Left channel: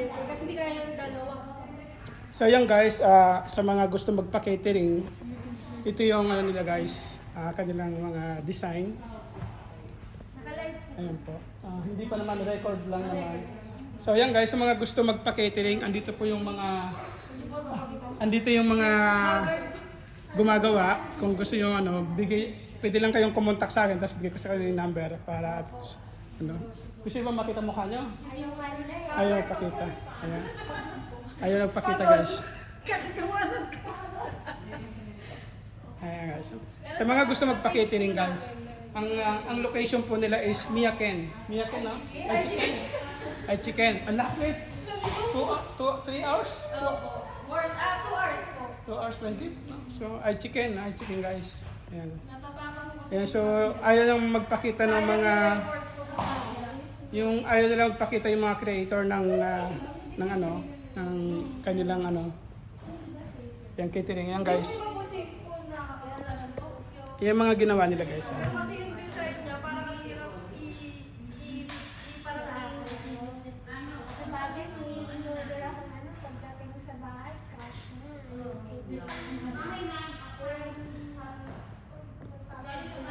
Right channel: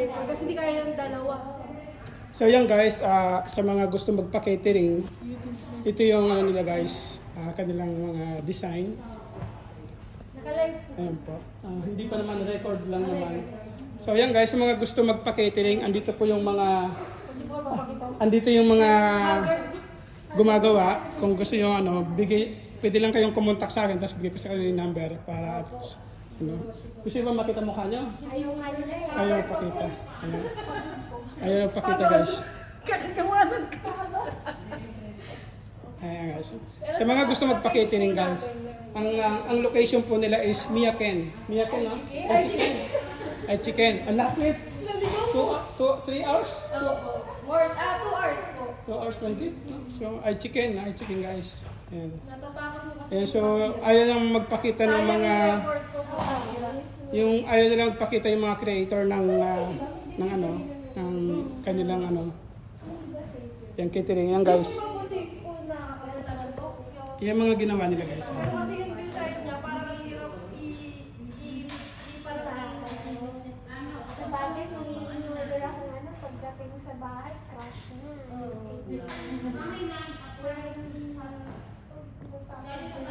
center kasi hindi kaya ng dalawa. So yan guys, sa mga gusto magpa-catering, ito yung ano nila guys, kanilang mga design. Naka-live. Ayan po. Hindi pa naman, record lang naman. So yan guys, sa mga gusto magpa-catering, andito po yung mga gumagawa. Kung gusto nyo ano, pwede lang kayong kumontak sa akin, tapos bigay ko sa kanila yung number para ano. Gusto nyo ba makita mukha nyo? Ayaw nga nila eh. Ayaw pakita. Ayan. Ayaw pakita guys. Kakagawanan ka. Ayan guys. Sa mga gusto magpa-catering guys, ang location po nila is Miyaken. Miyaken, no? Ay chicken. Ang lapit. 3 hours? More, 2 hours po. 2 hours 20. So, ay chicken guys. Ayan. Natatakot mo kasi. Ayan, so ayaw lang magpakita ng mga ayaw nila magpakita yung mga creator ng ano, ng kanilang ano. Yung catering yan guys. Yung mga ginawa nila guys. Kasi yung design niya parang ang hirap Sa bagay, nung in-order ako pagdating sa bahay, crush na. Wala